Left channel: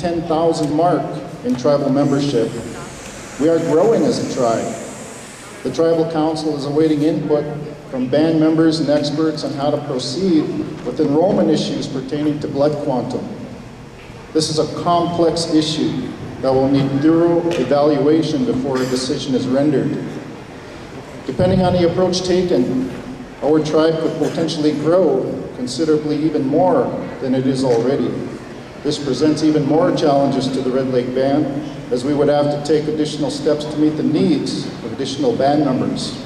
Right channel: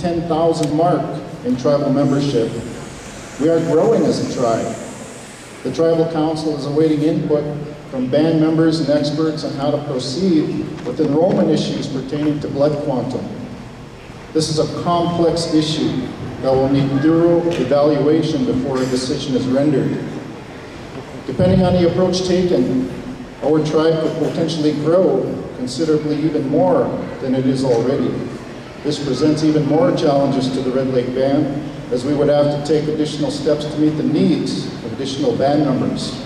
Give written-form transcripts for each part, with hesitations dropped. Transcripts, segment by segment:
10,000 mark in tribal membership. We are growing as a tribe. The Tribal Council is awaiting input from band members and experts on how to proceed with enrollment issues pertaining to blood quantum. This is a complex issue that will need thorough evaluation before a decision is rendered. Depending on the approach taken, our tribe could potentially grow considerably even more than it is already. This presents even more challenges to the Red Lake Band, as we would have to take additional steps to meet the needs of additional band members.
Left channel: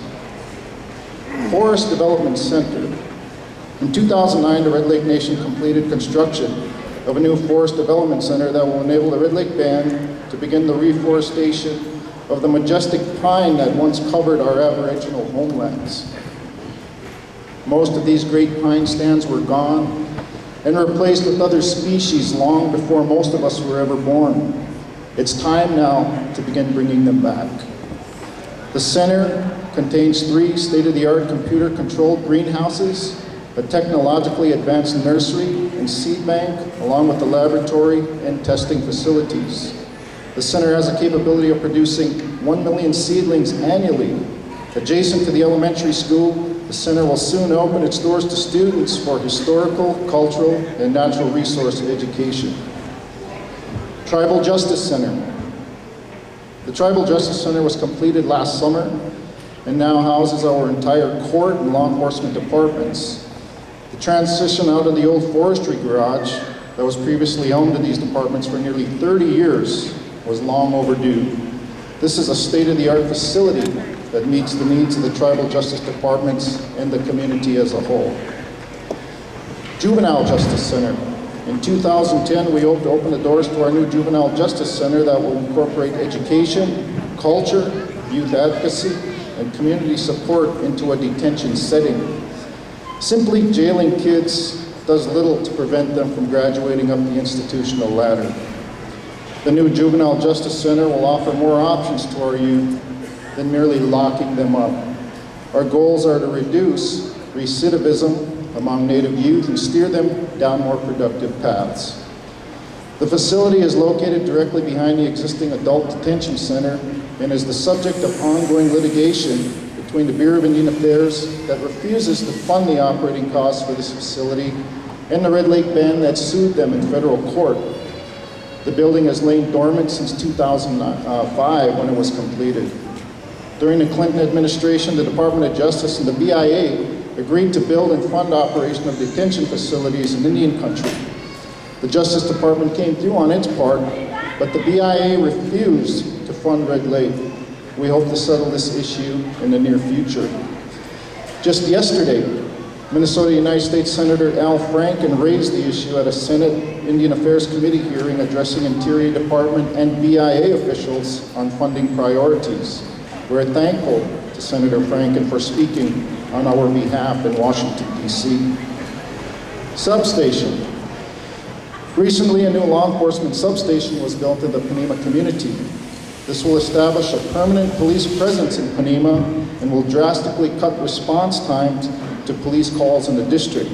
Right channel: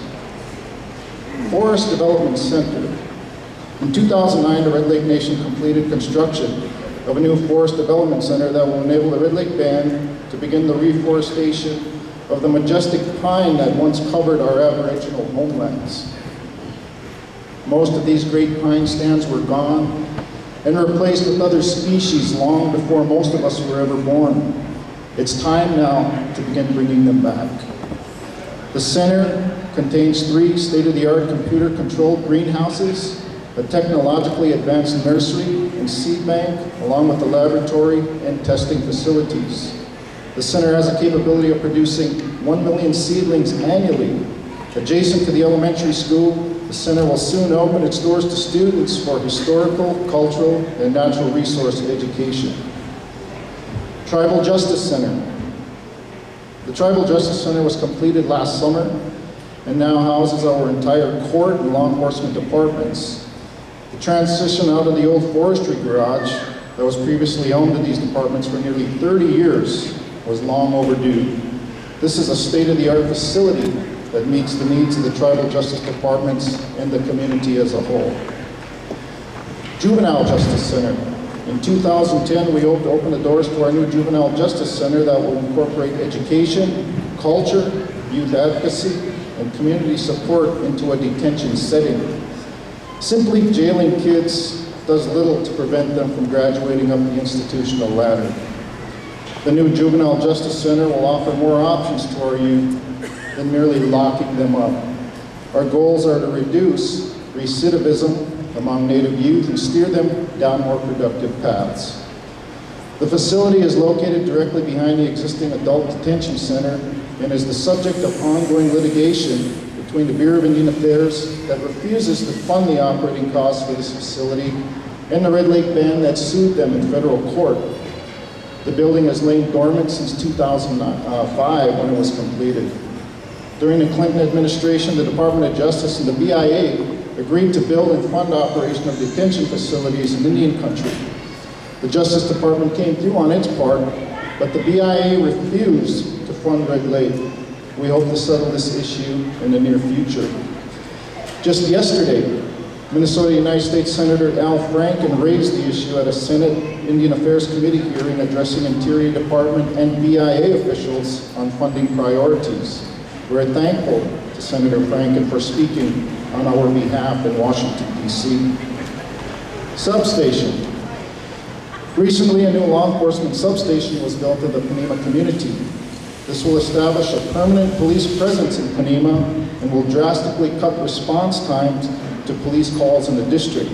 Forest Development Center. In 2009, the Red Lake Nation completed construction of a new Forest Development Center that will enable the Red Lake Band to begin the reforestation of the majestic pine that once covered our Aboriginal homelands. Most of these great pine stands were gone and replaced with other species long before most of us were ever born. It's time now to begin bringing them back. The center contains 3 state-of-the-art computer-controlled greenhouses, a technologically advanced nursery and seed bank, along with the laboratory and testing facilities. The center has a capability of producing 1 million seedlings annually. Adjacent to the elementary school, the center will soon open its doors to students for historical, cultural, and natural resource education. Tribal Justice Center. The Tribal Justice Center was completed last summer and now houses our entire court and law enforcement departments. The transition out of the old forestry garage that was previously home to these departments for nearly 30 years was long overdue. This is a state-of-the-art facility that meets the needs of the Tribal Justice Departments and the community as a whole. Juvenile Justice Center. In 2010, we hope to open the doors to our new Juvenile Justice Center that will incorporate education, culture, youth advocacy, and community support into a detention setting. Simply jailing kids does little to prevent them from graduating up the institutional ladder. The new Juvenile Justice Center will offer more options to our youth than merely locking them up. Our goals are to reduce recidivism among Native youth and steer them down more productive paths. The facility is located directly behind the existing adult detention center and is the subject of ongoing litigation between the Bureau of Indian Affairs that refuses to fund the operating costs for this facility and the Red Lake Band that sued them in federal court. The building has lain dormant since 2005 when it was completed. During the Clinton administration, the Department of Justice and the BIA agreed to build and fund operation of detention facilities in Indian country. The Justice Department came through on its part, but the BIA refused to fund Red Lake. We hope to settle this issue in the near future. Just yesterday, Minnesota United States Senator Al Franken raised the issue at a Senate Indian Affairs Committee hearing addressing Interior Department and BIA officials on funding priorities. We're thankful to Senator Franken for speaking on our behalf in Washington, D.C. Substation. Recently, a new law enforcement substation was built in the Panema community. This will establish a permanent police presence in Panema and will drastically cut response times to police calls in the district.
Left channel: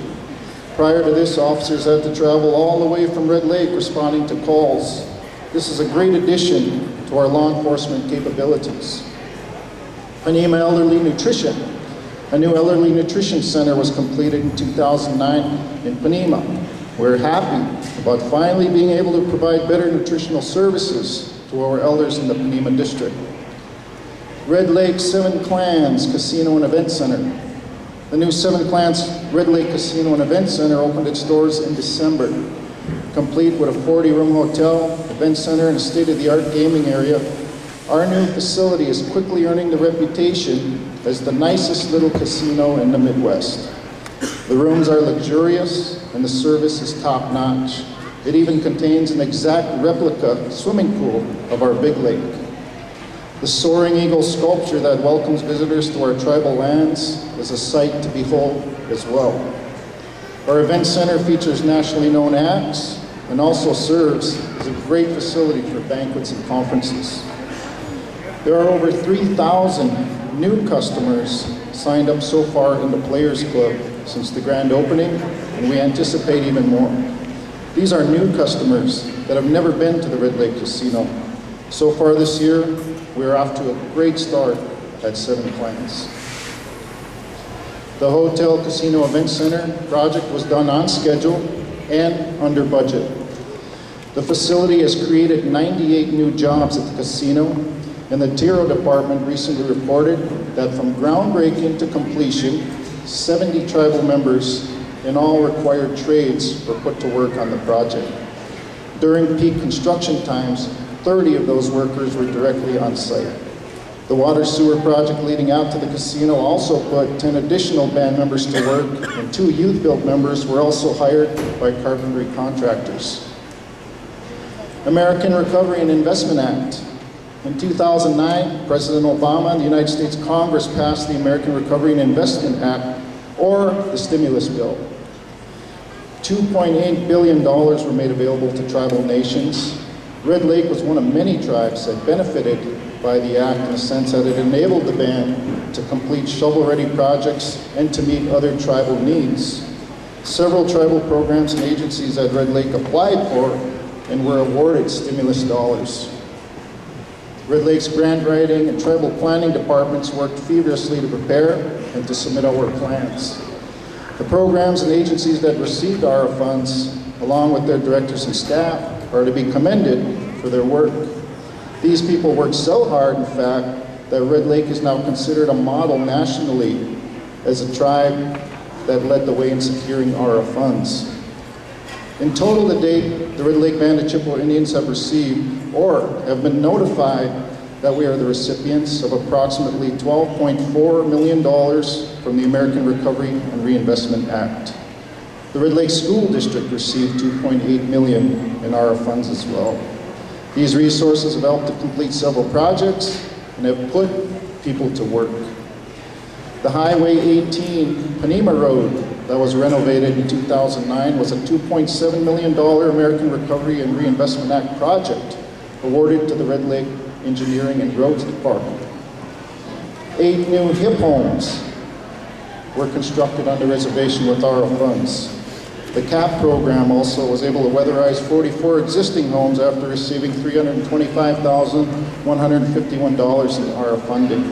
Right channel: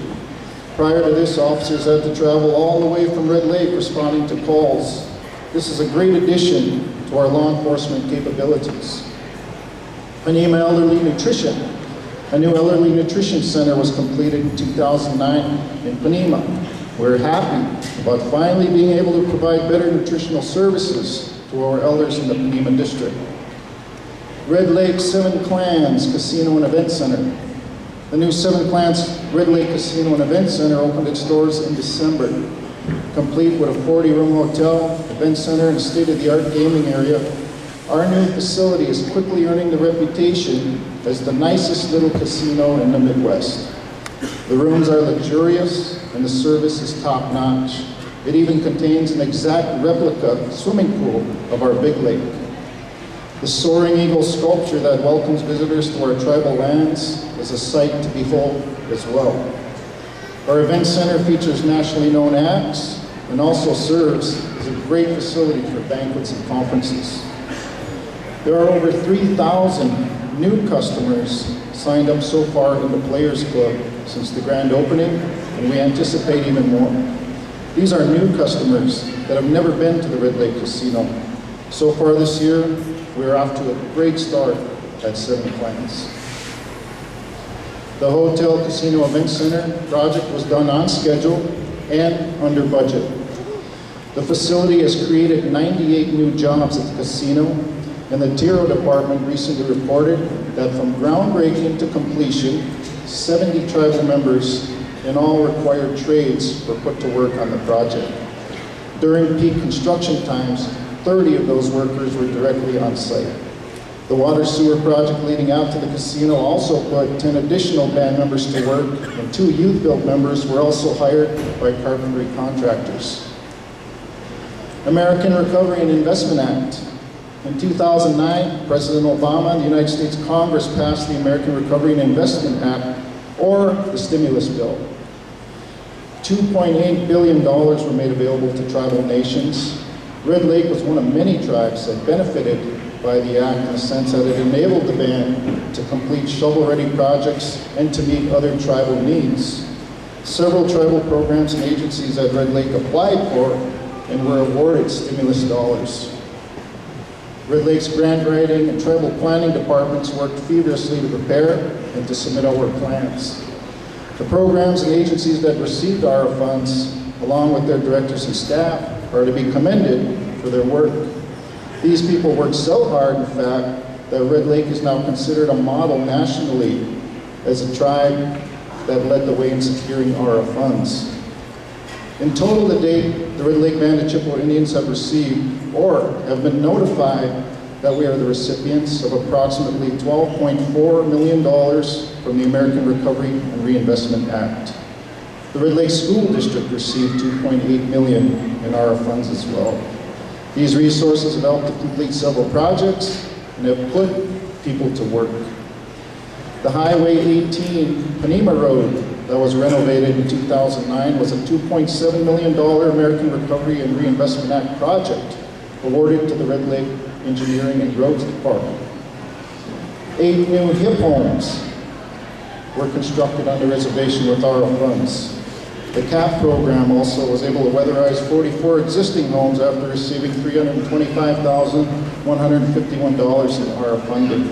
Prior to this, officers had to travel all the way from Red Lake responding to calls. This is a great addition to our law enforcement capabilities. Panema Elderly Nutrition. A new elderly nutrition center was completed in 2009 in Panema. We're happy about finally being able to provide better nutritional services to our elders in the Panema district. Red Lake Seven Clans Casino and Event Center. The new Seven Clans Red Lake Casino and Event Center opened its doors in December. Complete with a 40-room hotel, event center, and a state-of-the-art gaming area, our new facility is quickly earning the reputation as the nicest little casino in the Midwest. The rooms are luxurious and the service is top-notch. It even contains an exact replica swimming pool of our big lake. The soaring eagle sculpture that welcomes visitors to our tribal lands is a sight to behold as well. Our event center features nationally known acts and also serves as a great facility for banquets and conferences. There are over 3,000 new customers signed up so far in the Players Club since the grand opening, and we anticipate even more. These are new customers that have never been to the Red Lake Casino. So far this year, we're off to a great start at 7 clients. The Hotel Casino Event Center project was done on schedule and under budget. The facility has created 98 new jobs at the casino, and the Tiro department recently reported that from groundbreaking to completion, 70 tribal members in all required trades were put to work on the project. During peak construction times, 30 of those workers were directly on site. The water sewer project leading out to the casino also put 10 additional band members to work, and 2 youth build members were also hired by carpentry contractors. American Recovery and Investment Act. In 2009, President Obama and the United States Congress passed the American Recovery and Investment Act, or the stimulus bill. $2.8 billion were made available to tribal nations. Red Lake was one of many tribes that benefited by the act in the sense that it enabled the band to complete shovel-ready projects and to meet other tribal needs. Several tribal programs and agencies at Red Lake applied for and were awarded stimulus dollars. Red Lake's grant writing and tribal planning departments worked feverishly to prepare and to submit our plans. The programs and agencies that received our funds, along with their directors and staff, are to be commended for their work. These people worked so hard, in fact, that Red Lake is now considered a model nationally as a tribe that led the way in securing our funds. In total to date, the Red Lake Band of Chippewa Indians have received or have been notified that we are the recipients of approximately $12.4 million from the American Recovery and Reinvestment Act. The Red Lake School District received $2.8 million in our funds as well. These resources have helped to complete several projects and have put people to work. The Highway 18 Panema Road that was renovated in 2009 was a $2.7 million American Recovery and Reinvestment Act project awarded to the Red Lake Engineering and Roads Department. 8 new HIP homes were constructed on the reservation with our funds. The CAP program also was able to weatherize 44 existing homes after receiving $325,151 in our funding.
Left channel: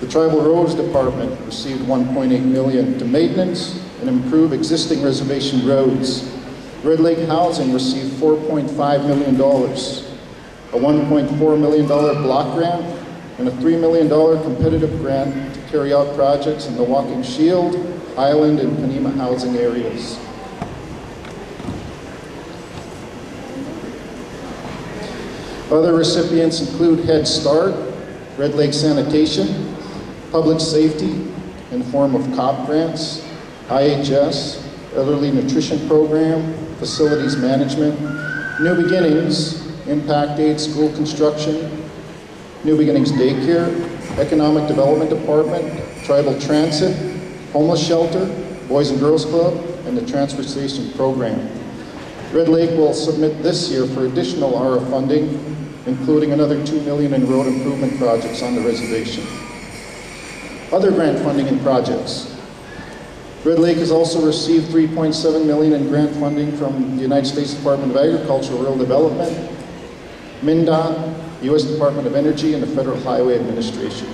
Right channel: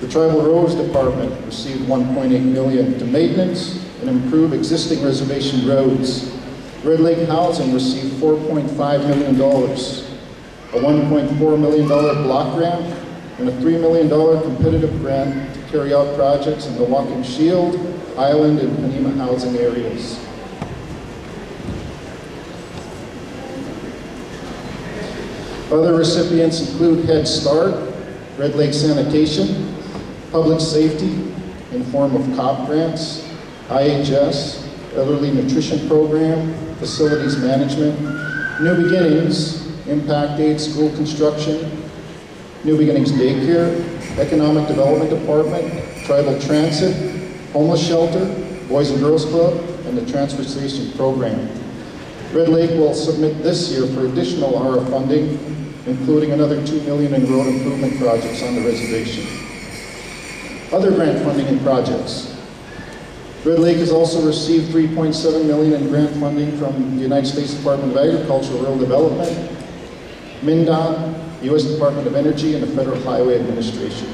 The Tribal Roads Department received $1.8 million to maintenance and improve existing reservation roads. Red Lake Housing received $4.5 million, a $1.4 million block grant, and a $3 million competitive grant to carry out projects in the Walking Shield, Island, and Panema housing areas. Other recipients include Head Start, Red Lake Sanitation, Public Safety in the form of COP grants, IHS, Elderly Nutrition Program, Facilities Management, New Beginnings, Impact Aid School Construction, New Beginnings Daycare, Economic Development Department, Tribal Transit, Homeless Shelter, Boys and Girls Club, and the Transfer Station Program. Red Lake will submit this year for additional ARA funding, including another $2 million in road improvement projects on the reservation. Other grant funding and projects. Red Lake has also received $3.7 million in grant funding from the United States Department of Agriculture and Rural Development, MnDOT, U.S. Department of Energy, and the Federal Highway Administration.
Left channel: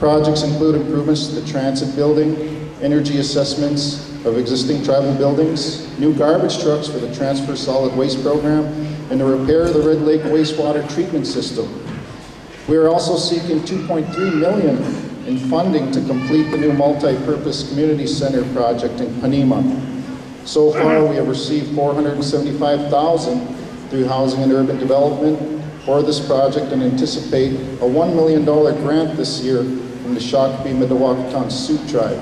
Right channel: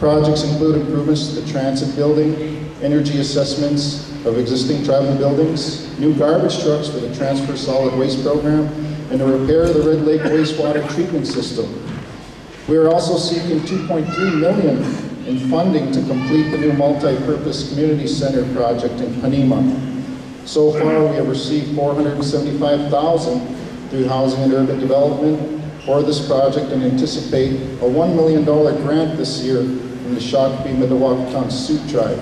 Projects include improvements to the transit building, energy assessments of existing tribal buildings, new garbage trucks for the Transfer Solid Waste Program, and the repair of the Red Lake wastewater treatment system. We are also seeking $2.3 million in funding to complete the new multi-purpose community center project in Panema. So far, we have received $475,000 through Housing and Urban Development for this project and anticipate a $1 million grant this year from the Shakopee Mdewakanton Sioux Tribe.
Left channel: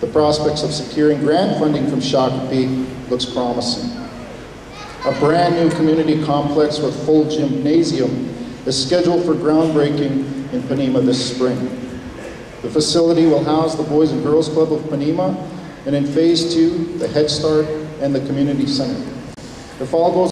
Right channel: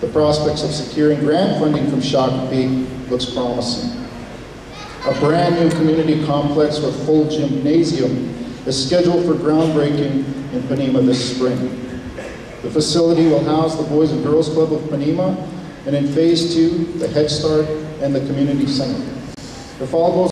The prospects of securing grant funding from Shakopee looks promising. A brand new community complex with full gymnasium is scheduled for groundbreaking in Panema this spring. The facility will house the Boys and Girls Club of Panema, and in Phase 2, the Head Start and the Community Center. If all goes